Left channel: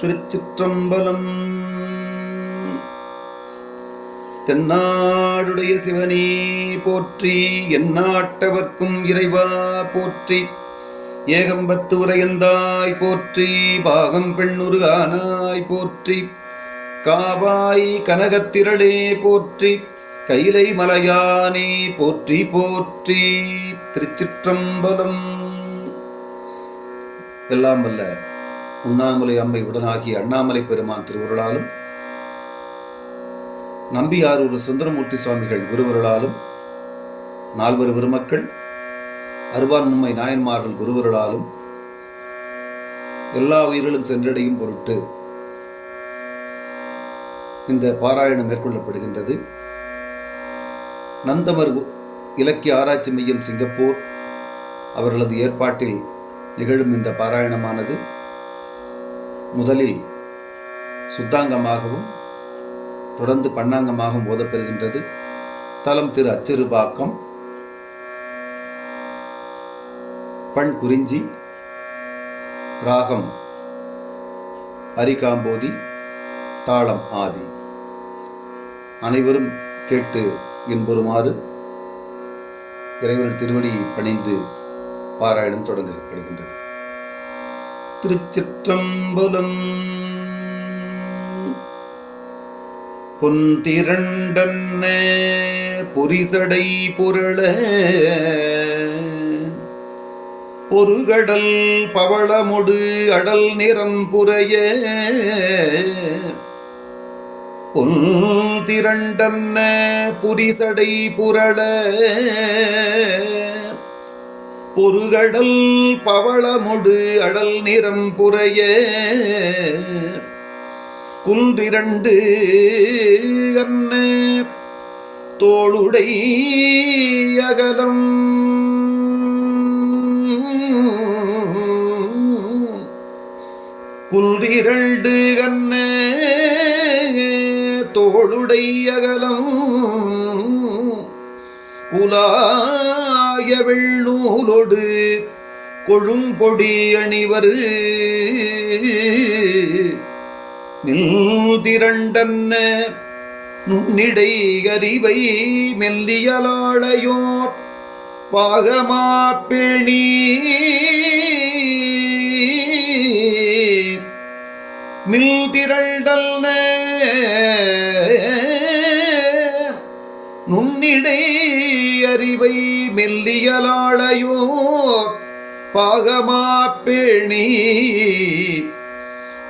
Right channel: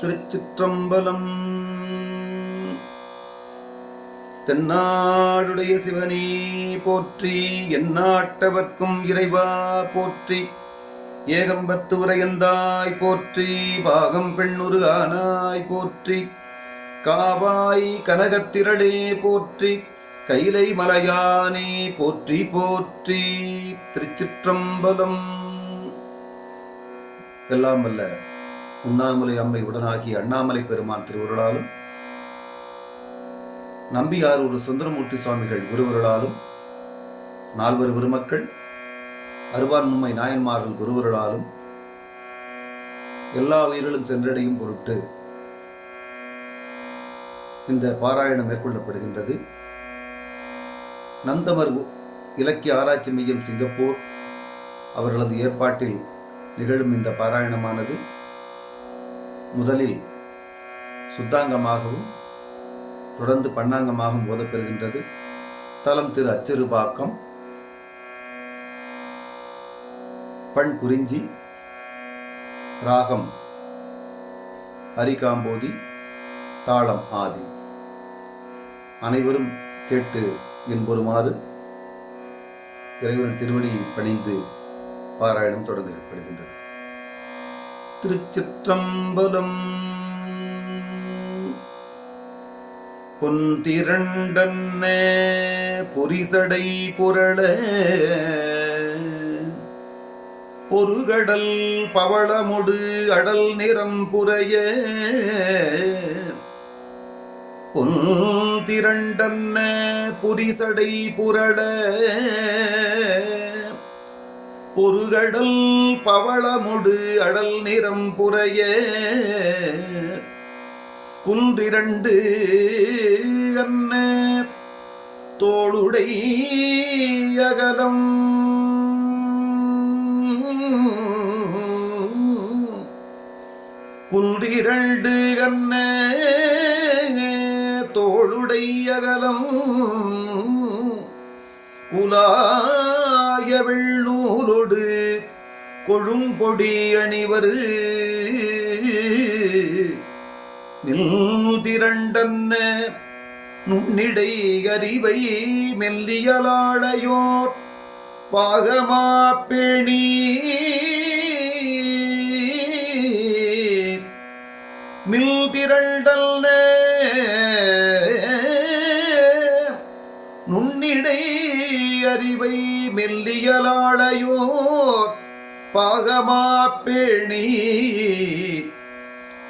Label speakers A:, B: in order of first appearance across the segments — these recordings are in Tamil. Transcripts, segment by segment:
A: திருச்சிற்றம்பலம். தென்னாடுடைய சிவனே போற்றி எந்நாட்டவர்க்கும் இறைவா போற்றி. ஏகம்பத்து உரையந்தாய் போற்றி பாகம் பெண்ணுரு ஆனாய் போற்றி. காவாய் கனகத்திரளே போற்றி கைலை மலையானே போற்றி போற்றி. திருச்சிற்றம்பலம். எல்லாம் வல்ல உண்ணாமலை அம்மை உடனாகிய அண்ணாமலை பெருமான் திருவுருளாலும் நம்பியாரூர் சுந்தரமூர்த்தி சுவாமிகள் குருவருளாலும் நால்வர் பெருமக்கள் அருவான்மும்மை நாயன்மார்கள் குருவருளாலும் எல்லா உயிர்களும் சென்றடையும் பொருட்டு இந்த பாராயணம் மேற்கொள்ளப்படுகின்றது. நந்தமர் இலக்கிய ஆராய்ச்சி மையம் சிங்கப்பூர் அவர்களது ஏற்பாட்டில் நிகழும் இந்த பாராயணமானது. முதலில் சுத்தாங்கமாகவும் தொடர்ந்து பண்ணாங்கமாகவும் ஓதப்பெறுகின்றது. தலம் திரு அச்சிறுபாக்கம். பண் குறிஞ்சி. ராகம் அரிகாம்போதி. தாளம் ஆதி. அனைவரும் கேட்டு இன்புறுமாறு இறைவன் திருவடி பணிந்து பாராயணம் தொடங்கப்படுகின்றது. திருச்சிற்றம்பலம். பொன்திரண்டன்ன பொரிசடை புரள பொருகடல் பவளமுடு அடல் நிறம் புறைய பொன் திரண்டன்ன புரிசடை புரள பொருகடல் பவளமுடு அடல் நிறம் புறைய குந்திரண்டு அன்ன தோளுடை அகலம். குந்திரண்டு கண்ண தோளுடை அகலம். குலாய வெள்ளூலொடு கொழும்பொடி அணிவர். நில்திரண்டன்ன நுண்ணிடை அறிவை மெல்லியலாளையோர் பாகமா பேணி. மில்திரண்டல்ன அறிவை மெல்லியலாளையோ பாகமா பேணி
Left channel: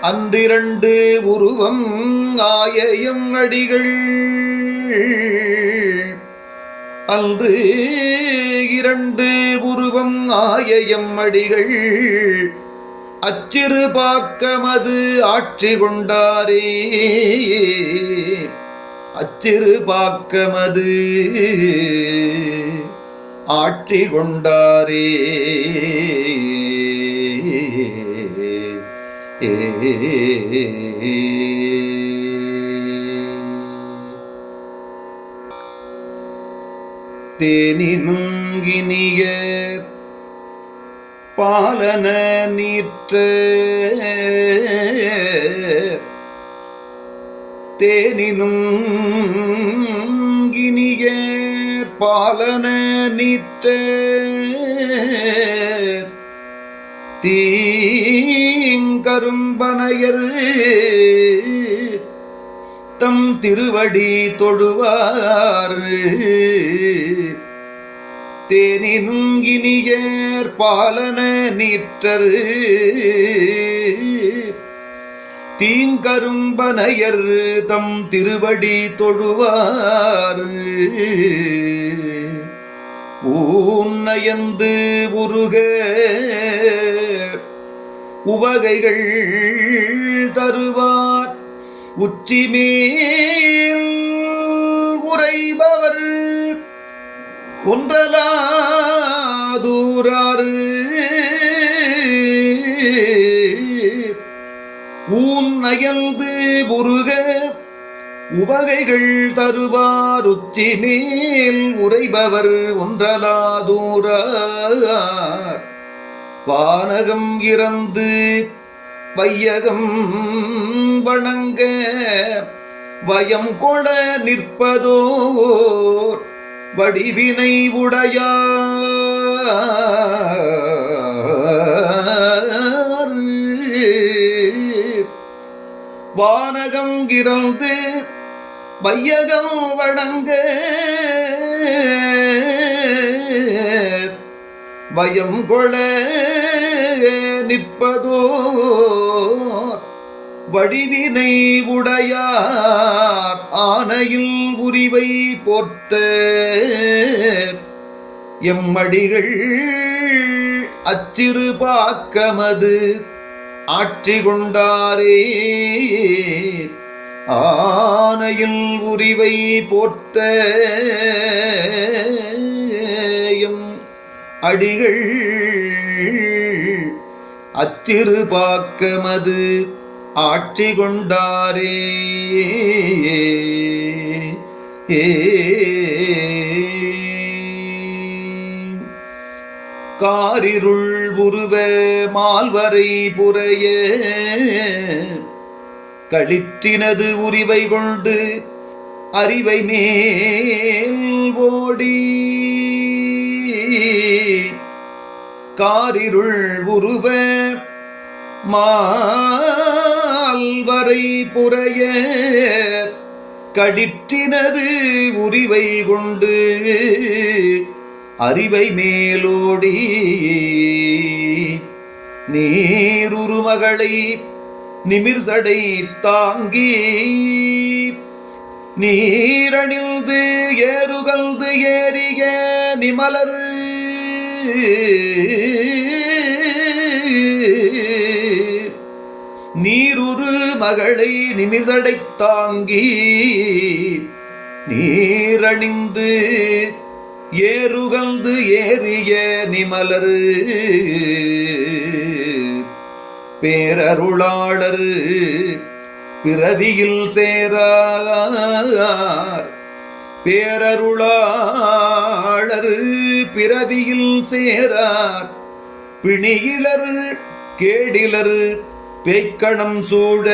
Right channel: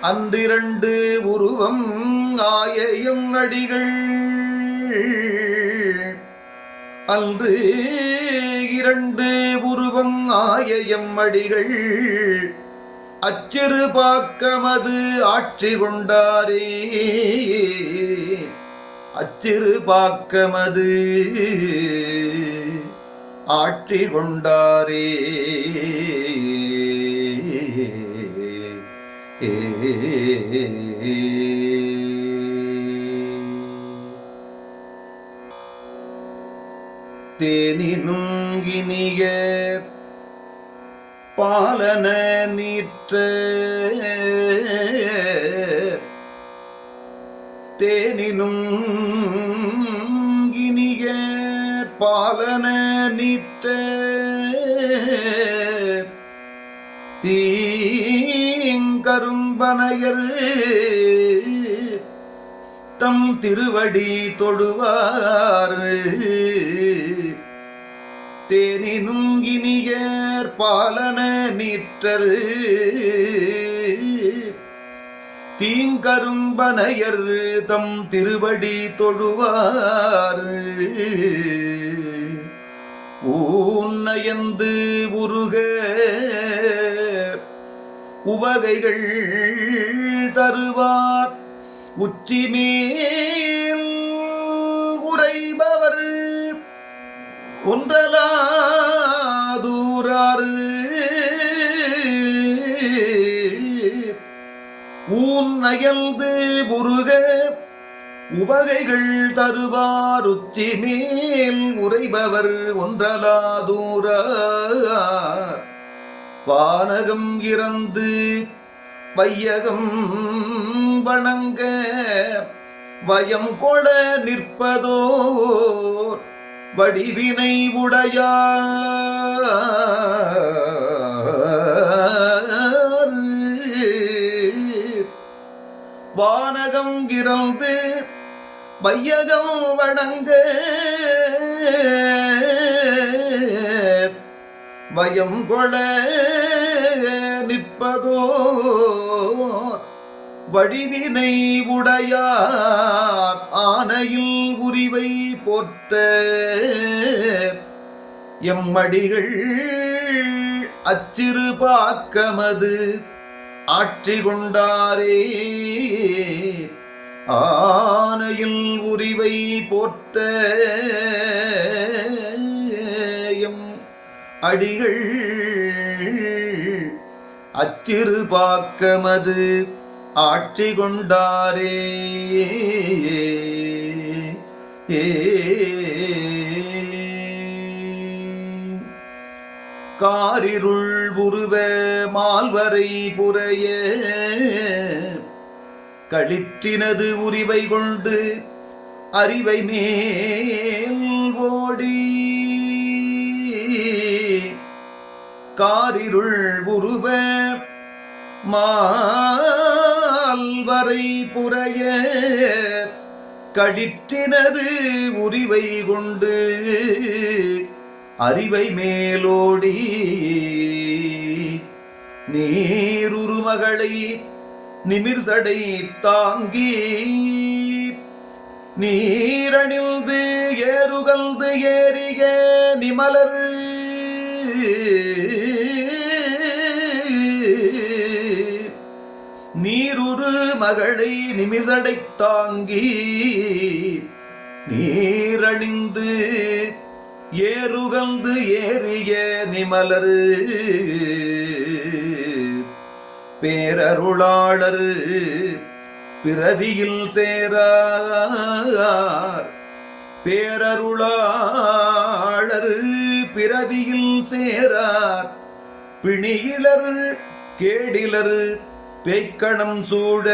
A: அன்றிரண்டு உருவம் ஆயையும் அடிகள். அன்று இரண்டு உருவம் ஆயையம் அடிகள். அச்சிறு பாக்கமது ஆட்சி கொண்டாரே. அச்சிறு பாக்கமது ஆட்சி கொண்டாரே தேனினும் இனிய பாலன நீற்று தேனினும் இனிய பாலன நீற்று தீங்கரும்பனையர் தம் திருவடி தொழுவார் தேனினும் இனியர் பாலன நீற்றர். தீங்கரும்பனையர் தம் திருவடி தொழுவார் ஊன்னயந்து உருக உவகைகள் தருவார். உச்சிமேல் உரைபவர் ஒன்றலாதூரார் ஊன் அயல்து முருகே உவகைகள் தருவார் உச்சி மேல் உரைபவர் ஒன்றலாதூர வானகம் இறந்து வையகம் வணங்க வயம் கொள நிற்பதோர் வடிவினை உடையார். வானகம் கிறந்து வையகம் வணங்கு பயம் கொள நிற்பதோ? வடிவினை உடையார் ஆனையில் உரிவை போர்த்த எம்மடிகள் அச்சிறு பாக்கமது. ஆற்றி கொண்டாரே ஆனையில் உரிவை போர்த்த அடிகள் அச்சிறு பாக்கமது ஆட்சி கொண்டாரே. ஏ காரிருள் உருவ மால்வரை புறையே களிற்றினது உரிவை கொண்டு அறிவை மேல் ஓடி. காரிருள் உருவ மால்வரை புறைய கடிற்றினது உரிவை கொண்டு அறிவை மேலோடி. நீருருமகளை நிமிர்சடை தாங்கி நீரணிந்து ஏறுகல்து ஏறிய நிமலர். நீருரு மகளை நிமிசடை தாங்கி நீரணிந்து ஏறுகந்து ஏறிய நிமலர். பேரருளாளர் பிறவியில் சேரார் பேரருளாளர் பிறவியில் சேரார் பிணியிலர் கேடிலர் பேய்க்கணம் சூட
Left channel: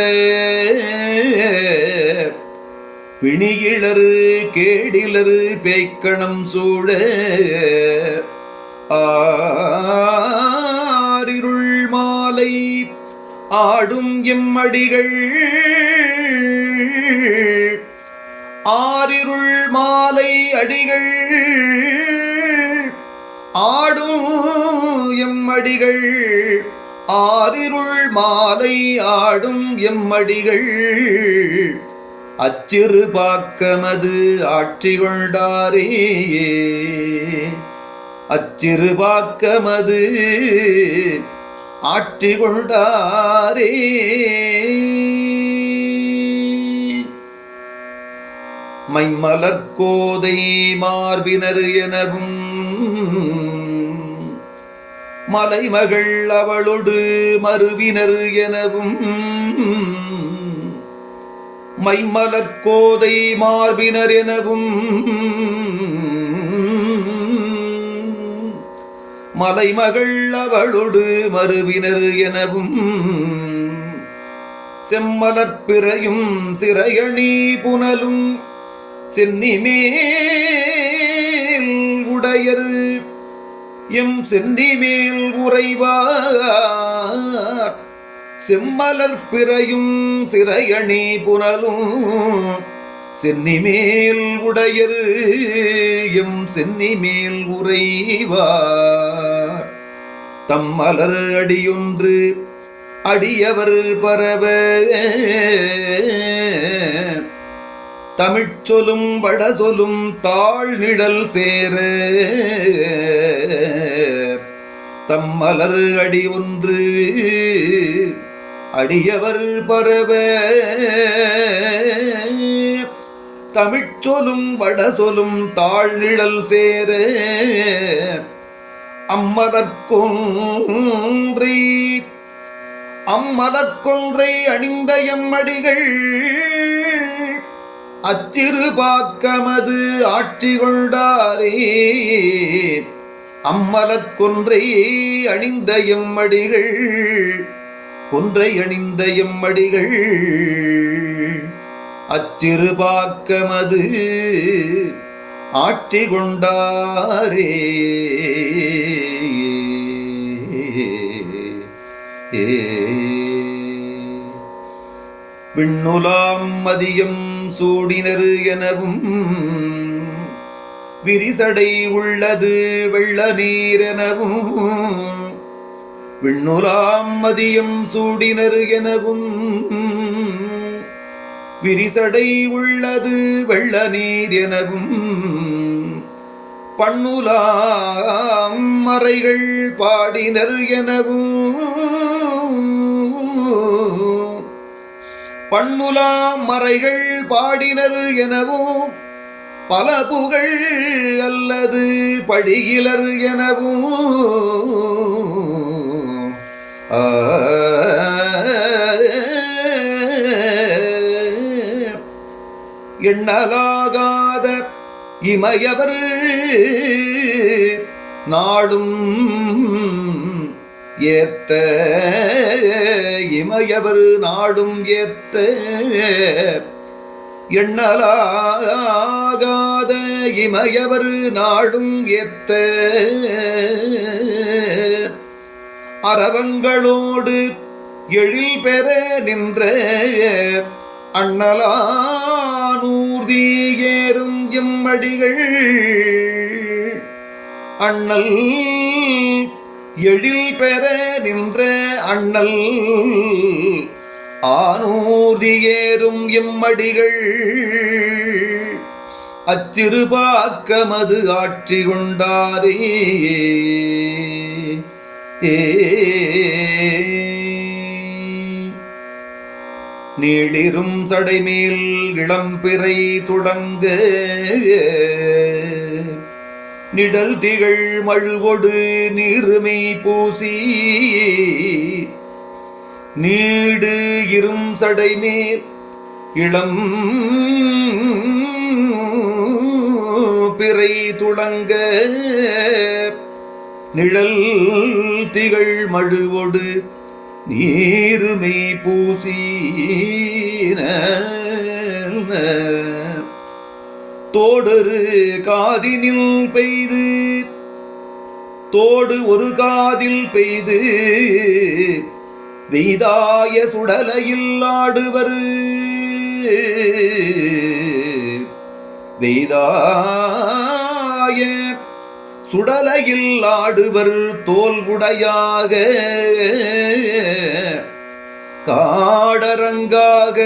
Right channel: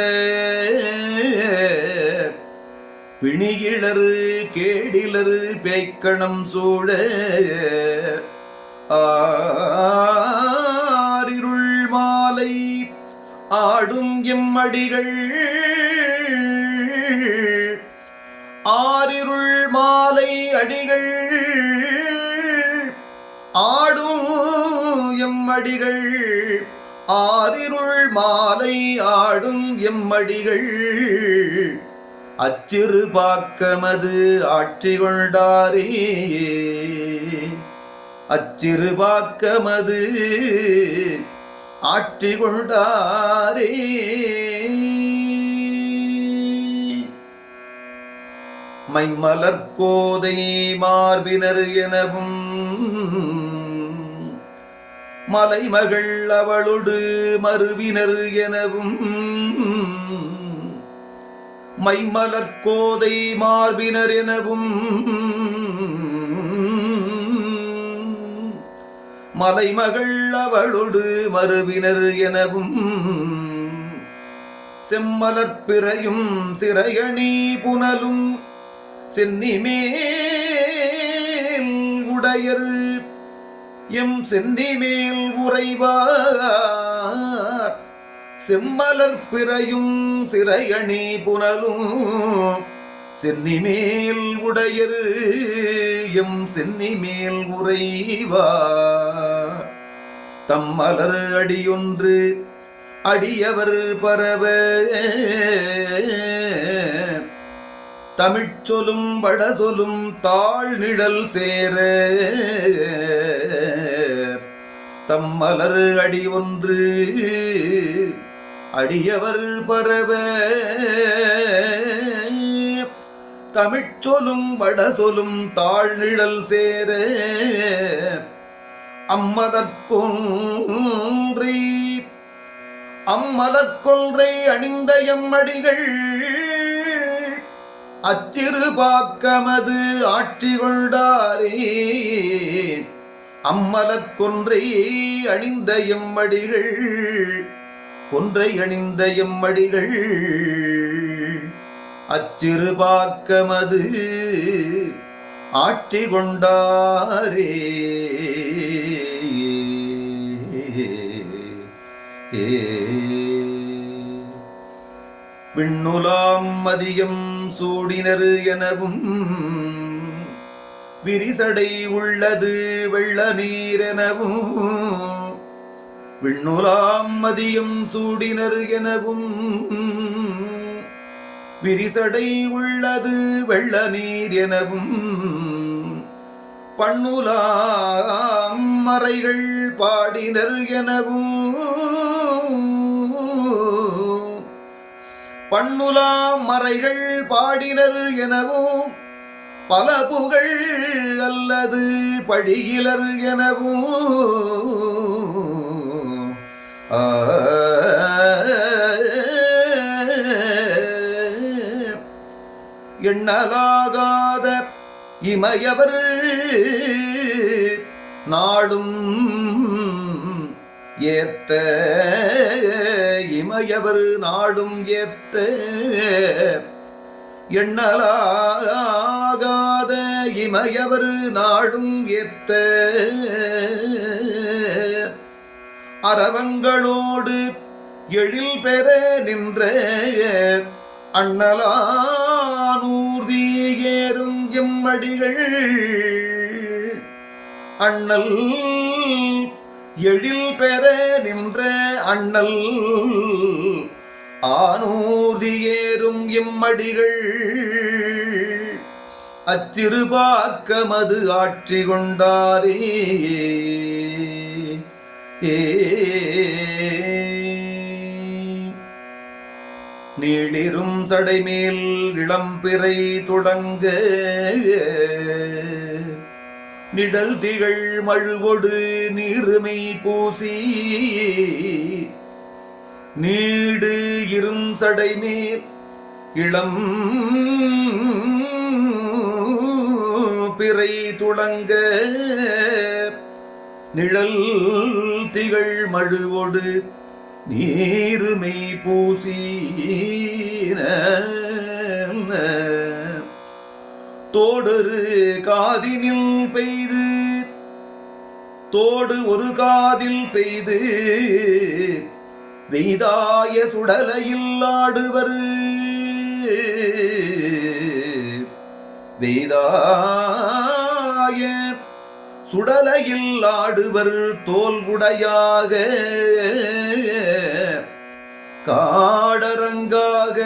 A: பிணியிலர் கேடிலர் பேய்க்கணம் சூட ஆரிருள் மாலை ஆடும் எம்மடிகள் ஆரிருள் மாலை அடிகள். ஆடும் எம்மடிகள் ஆரிருள் மாலை ஆடும் எம்மடிகள் அச்சிறு பாக்கமது ஆட்சி கொண்டாரே அச்சிறு பாக்கமது ஆட்சி கொண்டாரே மைமலர்கோதை மார்பினர் எனவும் மலைமகள் அவளொடு மறுவினர் எனவும் மைமலர்கோதை மார்பினர் எனவும் மலைமகள் அவளொடு மறுவினர் எனவும் செம்மலற்பிறையும் சிறையணி புனலும் சென்னிமேல் உடையர். எம் சென்னிமேல் உறைவார். செம்மலற்பிறையும் சிறையணி புனலும் சென்னிமேல் உடையர். எம் சென்னிமேல் உறைவார். தம் மலர் அடியொன்று அடியவர் பரவ. தமிழ் சொலும் வட வடசொலும் தாழ் நிழல் சேர. தம் மலர் அடி ஒன்று அடியவர் பரவ. தமிழ் சொலும் வட வடசொலும் தாழ் நிழல் சேர. அம்மதற்கொன்றி. அம்மதற்கொன்றை அணிந்த எம்மடிகள். அச்சிறு பாக்கமது ஆட்சி கொண்டாரே அம்மலர்கொன்றை அணிந்த எம்மடிகள். கொன்றை அணிந்த எம்மடிகள். அச்சிறு பாக்கமது ஆட்சி கொண்டாரே விண்ணுலாம் மதியம் சூடினர் எனவும் விரிசடை உள்ளது வெள்ள நீரெனவும் விண்ணுலாம் மதியம் சூடினர் எனவும் விரிசடை உள்ளது வெள்ள நீர் எனவும் பண்ணுலாம் மறைகள் பாடினர் எனவும் பண்ணுலாம் மறைகள் பாடினர் எனவும் பல புகழ் அல்லது படிகிலர் எனவும். எண்ணலாகாத இமையவர் நாளும் ஏத்த இமயவர் நாடும் ஏத்த எண்ணலாகாத இமயவர் நாடும் ஏத்த அரவங்களோடு எழில் பெற நின்ற அண்ணலானூர்தி ஏறும் எம்மடிகள் அண்ணல் எழில் பெற நின்ற அண்ணல் ஆனூர்தி ஏறும் இம்மடிகள் அச்சிறுபாக்கமது ஆட்சி கொண்டாரே. நீடிரும் சடைமேல் இளம்பிறை தொடங்க. நிழல் திகழ் மழுவொடு நீருமை பூசி. நீடு இரும் சடைமேல் இளம் பிறை துளங்க. நிழல் திகழ் மழுவொடு நீருமை பூசி. தோடொரு காதினில் பெய்து தோடு ஒரு காதில் பெய்து வெய்தாய சுடலையில் ஆடுவர். வெய்தாய சுடலையில் ஆடுவர் தோல்குடையாக காடரங்காக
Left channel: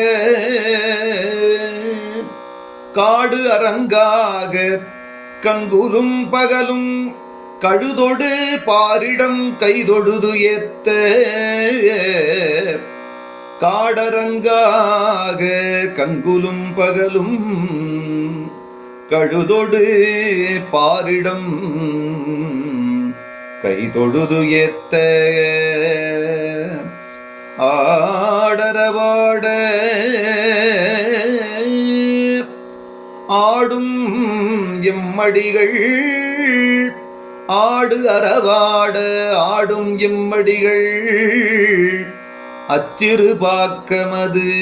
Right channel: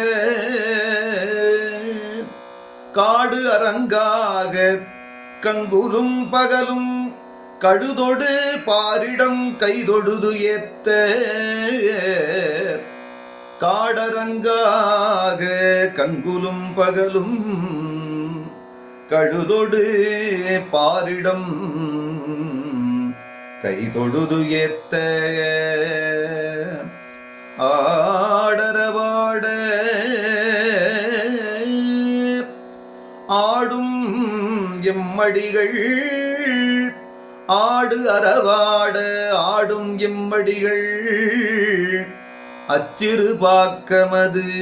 A: காடு அரங்காக கங்குலும் பகலும் கழுதொடு பாரிடம் கைதொடுது ஏத்த. காடரங்காக கங்குலும் பகலும் கழுதொடு பாரிடம் கைதொடுது ஏத்த. ஆடரவாட ஆடும் எம்மடிகள். ஆடு அறவாட ஆடும் எம்மடிகள். அச்சிறு பாக்கமது.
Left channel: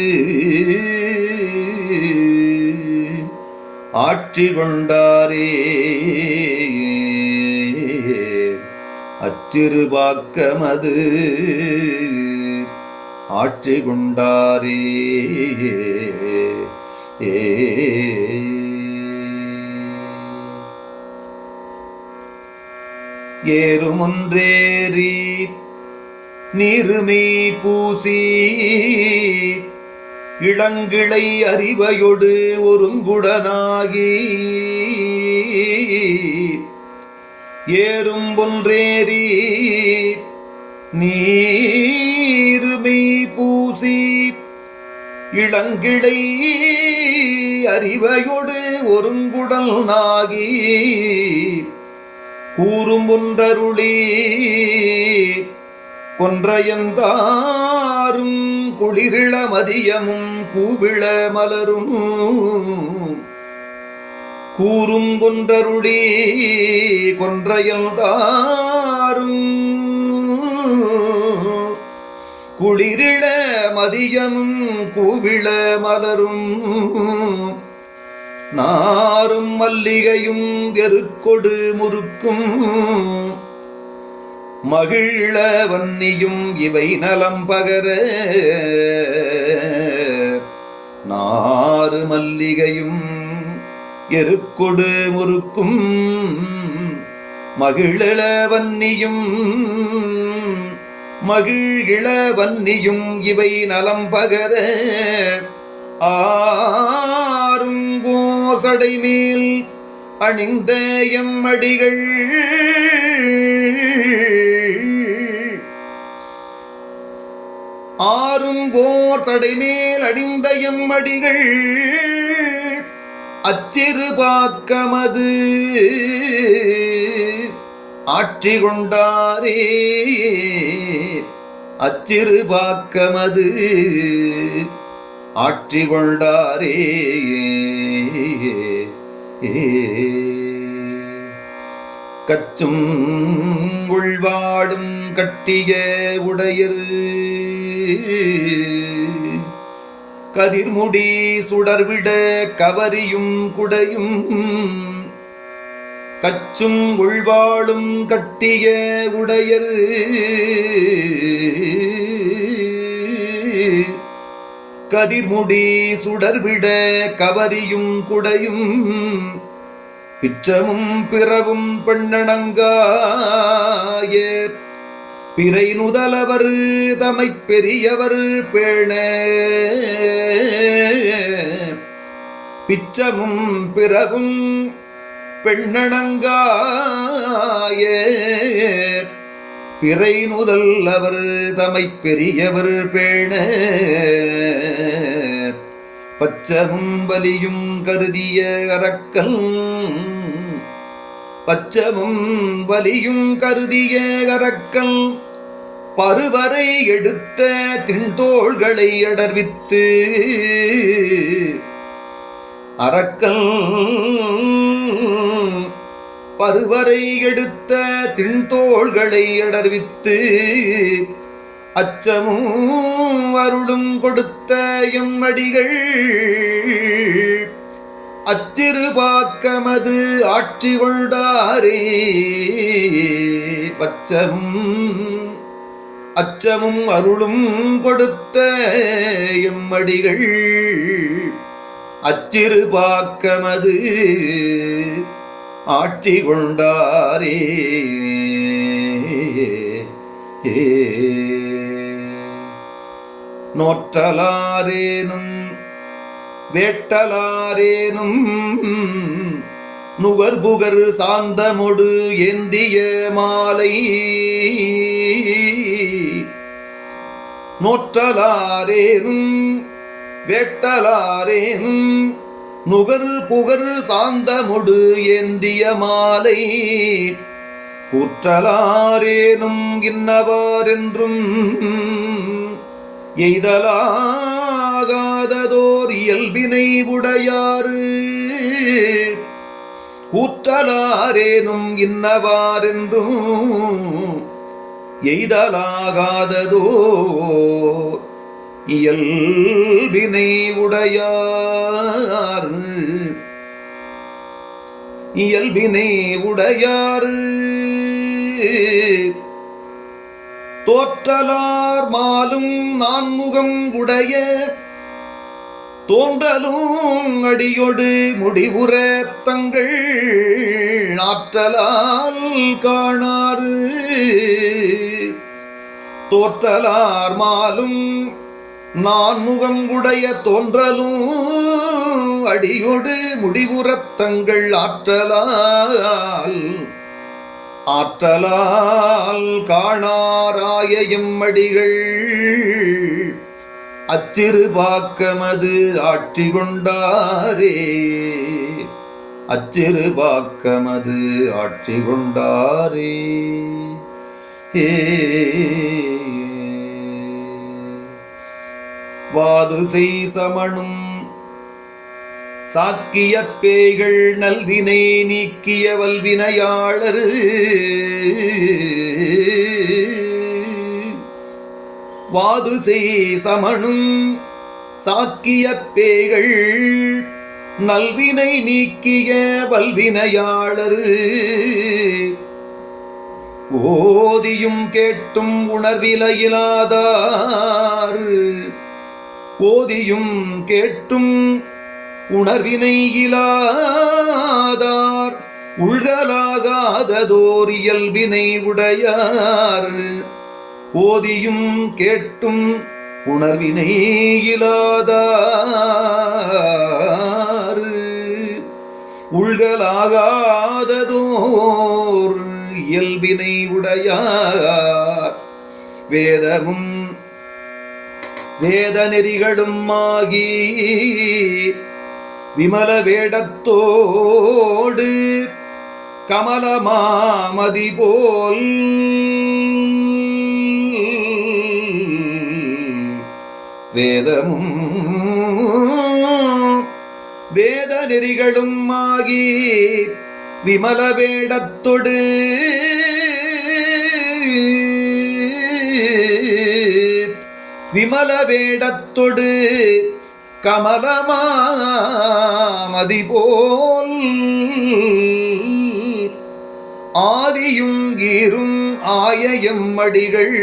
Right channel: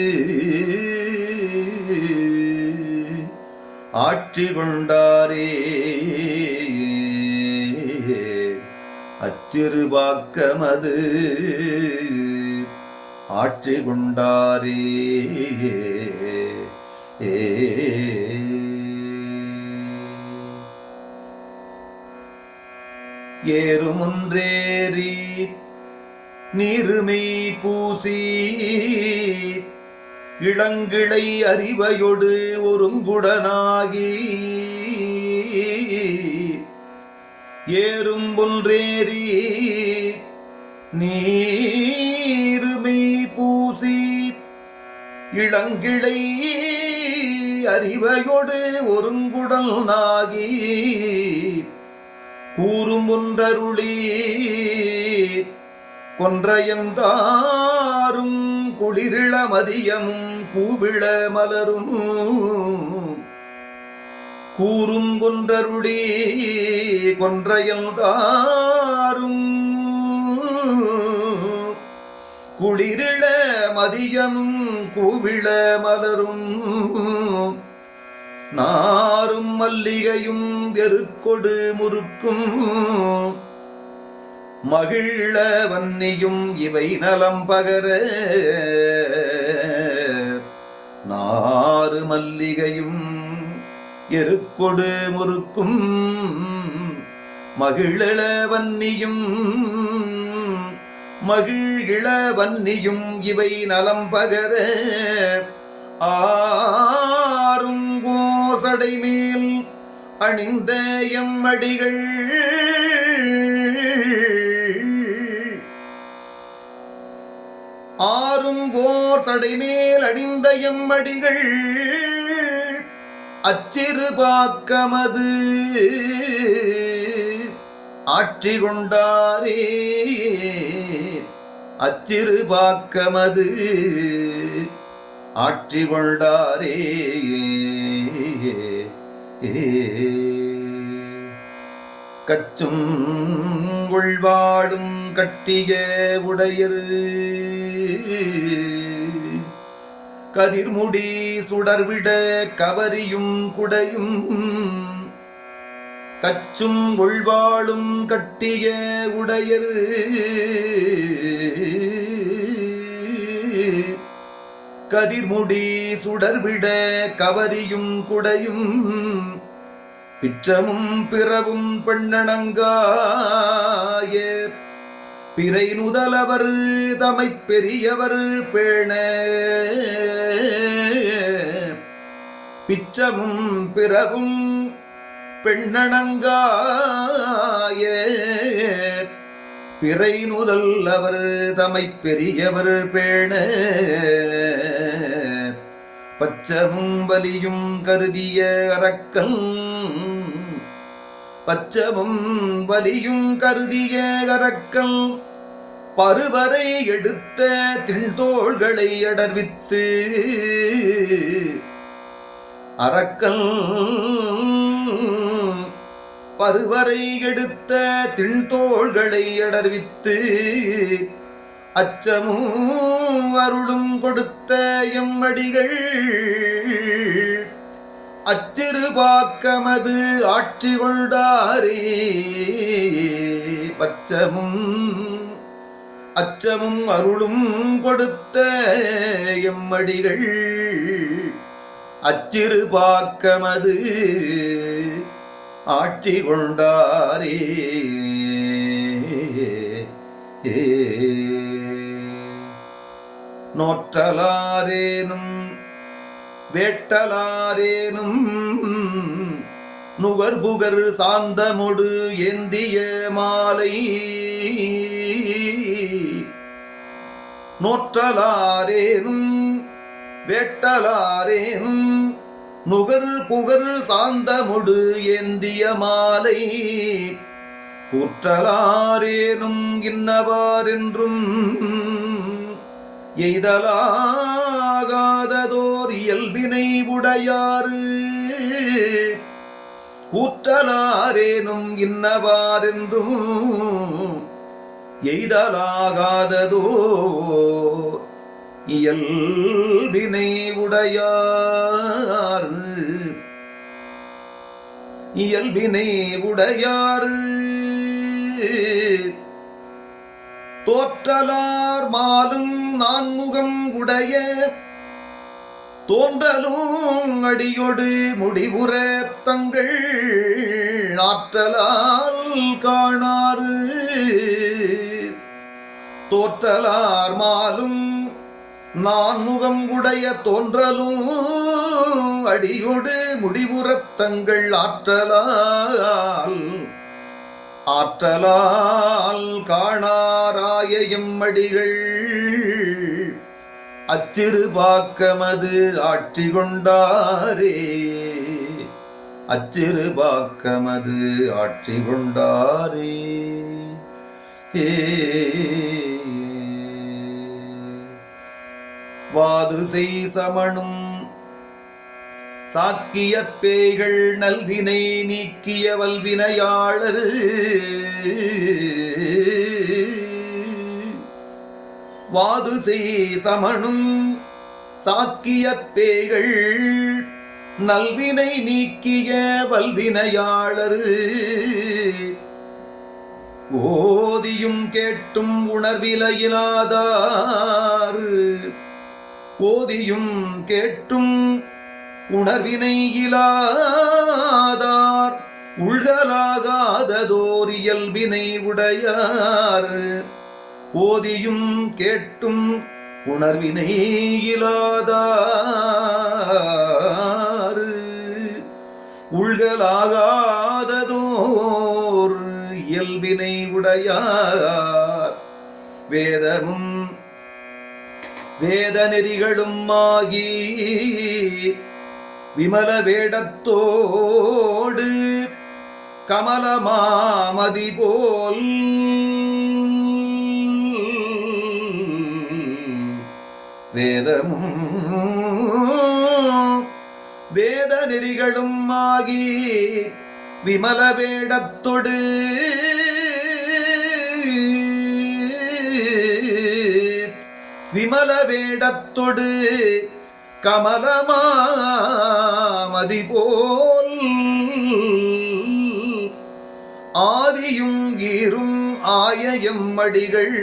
A: ஆட்சி கொண்டாரே. அச்சிறு பாக்கமது. ஆட்சி கொண்டாரே. ஏ ஏறுமுன்றேறி நீருமை பூசி இளங்கிளை அறிவையொடு ஒருங்குடனாகி ஏறும் ஒன்றேறி நீருமை பூசி இளங்கிளை அறிவையொடு ஒருங்குடல் நாகி கூறும் ஒன்றருளி கொன்றையந்தாரும் குளிரிள மதியமும் கூவிள மலரும் கூறும் கொன்றருளி கொன்றையந்தாரும் குளிரிள மதியமும் கூவிள மலரும் நாரும் மல்லிகையும் எருக்கொடு முறுக்கும். மகிழ வன்னியும் இவை நலம் பகர. நாறு மல்லிகையும் எருக்கொடு முறுக்கும். மகிழ வன்னியும் மகிழ வன்னியும் இவை நலம் பகர. ஆறும் கோசடை மேல் அணிந்த எம்மடிகள். ஆறும் கோர் சடைமேல் அணிந்த எம்மடிகள். அச்சிறு பாக்கமது ஆட்சி கொண்டாரே அச்சிறு பாக்கமது ஆற்றி கொண்டாரே கச்சும் உள்வாடும் கட்டிய உடையர். கதிர்முடி சுடர்விட கவரியும் குடையும். கச்சும் உள்வாழும் கட்டிய உடையர். கதிர்முடி சுடர்விட கவரியும் குடையும் பிச்சமும் பிறவும் பெண்ணணங்காய. பிறை நுதலவர் தமை பெரியவர் பேண. பிச்சமும் பிறவும் பெண்ணணங்காயே. பிறை நுதல் அவர் தமை பெரியவர் பேண. பச்சமும் வலியும் கருதிய அரக்கல் பச்சமும் வலியும் கருதிய அரக்கல் பருவரை எடுத்த திண்தோள்களை அடர்வித்து. அரக்கல் பருவரை எடுத்த திண்தோள்களை அடர்வித்து. அச்சமும் அருளும் கொடுத்த எம்மடிகள். அச்சிறுபாக்கமது ஆட்சி கொண்டாரே பச்சமும் அச்சமும் அருளும் கொடுத்த எம்மடிகள். அச்சிறுபாக்கமது ஆட்சி கொண்டாரே ஏ நோற்றலாரேனும் வேட்டலாரேனும் நுகர்புகர் சாந்தமொடு ஏந்திய மாலை. நோற்றலாரேனும் வேட்டலாரேனும் நுகர் புகர் சாந்தமுடு ஏந்திய மாலை. கூற்றலாரேனும் இன்னவாரென்றும் எய்தலாகாததோர் இயல்பினை உடையாறு. கூற்றலாரேனும் இன்னவாரென்றும் எய்தலாகாததோ இயல்பினை உடையார் இயல்பினை உடையார் தோற்றலார் மாலும் நான்முகம் உடைய தோன்றலும் அடியொடு முடிவுற தங்கள் ஆற்றலால் காணாறு. தோற்றலார் மாலும் நான்முகம் உடைய தோன்றலும் அடியோடு முடிவுறத் தங்கள் ஆற்றலால் ஆற்றலால் காணாராய எம்மடிகள் அச்சிறுபாக்கமது ஆட்சி கொண்டாரே அச்சிறுபாக்கமது ஆட்சி கொண்டாரே ஏ. வாது செய் சமணும் சாக்கிய பேய்கள் நல்வினை நீக்கிய வல்வினையாளர். வாது செய் சமணும் சாக்கிய பேய்கள் நல்வினை நீக்கிய வல்வினையாளர். ஓதியும் கேட்டும் உணர்விலையிலாதார். ஓதியும் கேட்டும் உணர்வினை இலாதார் உள்கலாகாததோர் இயல்பினை உடையார். ஓதியும் கேட்டும் உணர்வினை இலாதார் உள்கலாகாததோர் இயல்பினை உடையார். வேதமும் வேத நெறிகளும் ஆகி விமல வேடத்தோடு கமலமாமதி போல் வேதமும் வேத நெறிகளும் ஆகி விமல வேடத்தொடு விமல வேடத்தொடு கமலமா ஆதிபோல் ஆதியும் கீரும் ஆயயம் அடிகள்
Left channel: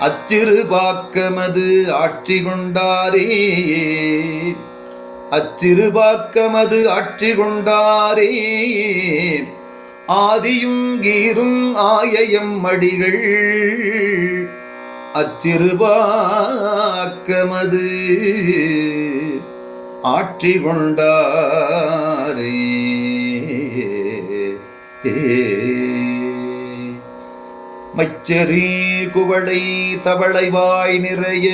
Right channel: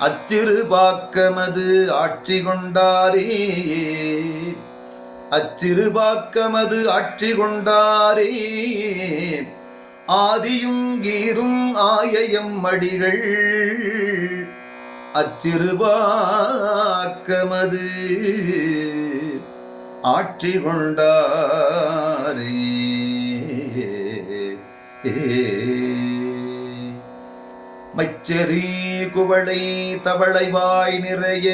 A: அச்சிறு ஆட்சி கொண்டாரே அச்சிறுபாக்கமது ஆட்சி கொண்டாரே ஆதியும் கீரும் ஆயயம் அடிகள் அச்சிறுபாக்கமது ஆட்சி கொண்டாரே. மச்சரி குவளை தவளைவாய் நிறைய.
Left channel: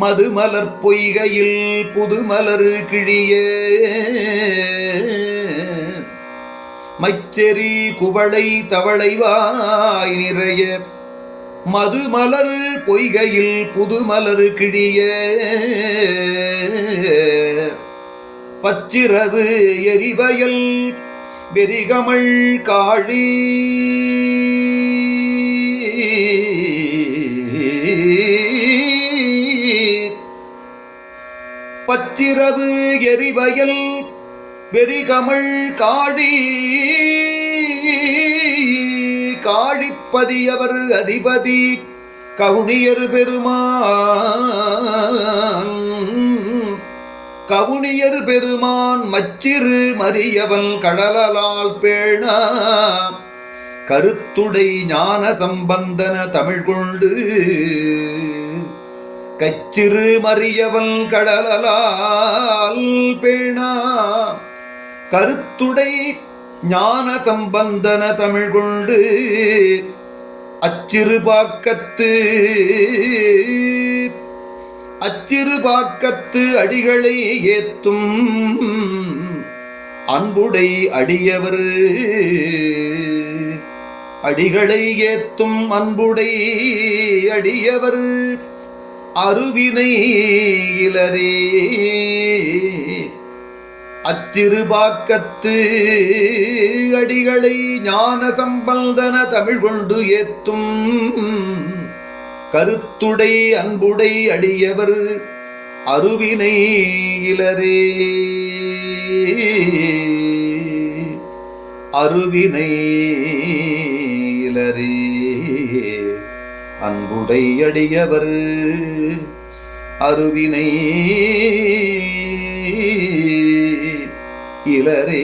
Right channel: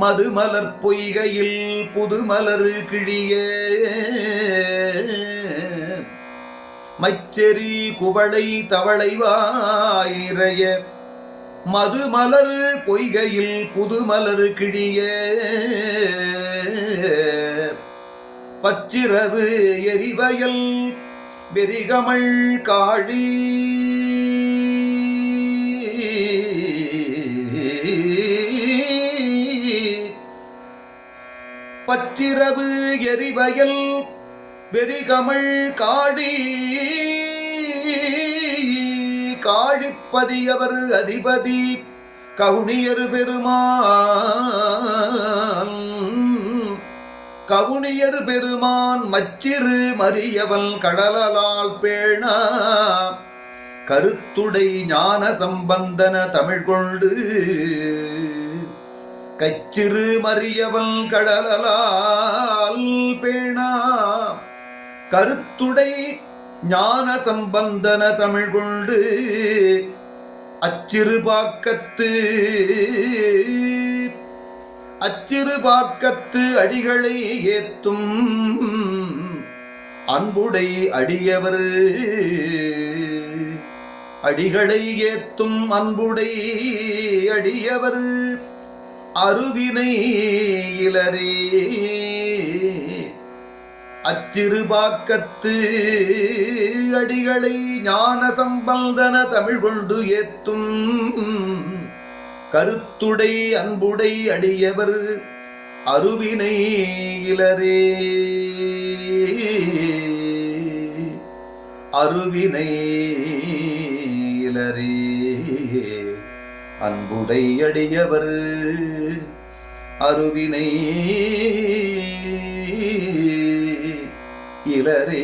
A: மதுமலர் பொய்கையில் புதுமலர் கிழிய. மச்சரி குவளை தவளைவாய் நிறைய. மது மலர் பொய்கையில் புது மலர் கிழிய. பச்சிரவு எரிவயல் வெறிகமள் காழி. பச்சிரவு எரிவயல் வெறிகமள் காழி. ஆழிப்பதியவர் அதிபதி கவுனியர் பெருமான். கவுனியர் பெருமான் மச்சிறு மறியவன் கடலால் பேணா. கருத்துடை ஞான சம்பந்தன தமிழ் கொண்டு கச்சிறு மறியவன் கடலால் பேணா. கருத்துடை ஞான சம்பந்தன தமிழ் கொண்டு அச்சிறுபாக்கத்து அச்சிறுபாக்கத்து அடிகளை ஏத்தும் அன்புடை அடியவர். அடிகளை ஏத்தும் அன்புடை அடியவர். அருவினை இலரே. அச்சிறுபாக்கத்து அடிகளை ஞான சம்பந்தன தமிழ் கொண்டு ஏத்தும் கருத்துடை அன்புடை அடியவர் அருவினை இலரே. அருவினை இலரே. அன்புடை அடியவர் அருவினை இளரே.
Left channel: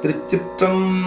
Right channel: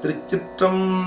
A: திருச்சிற்றம்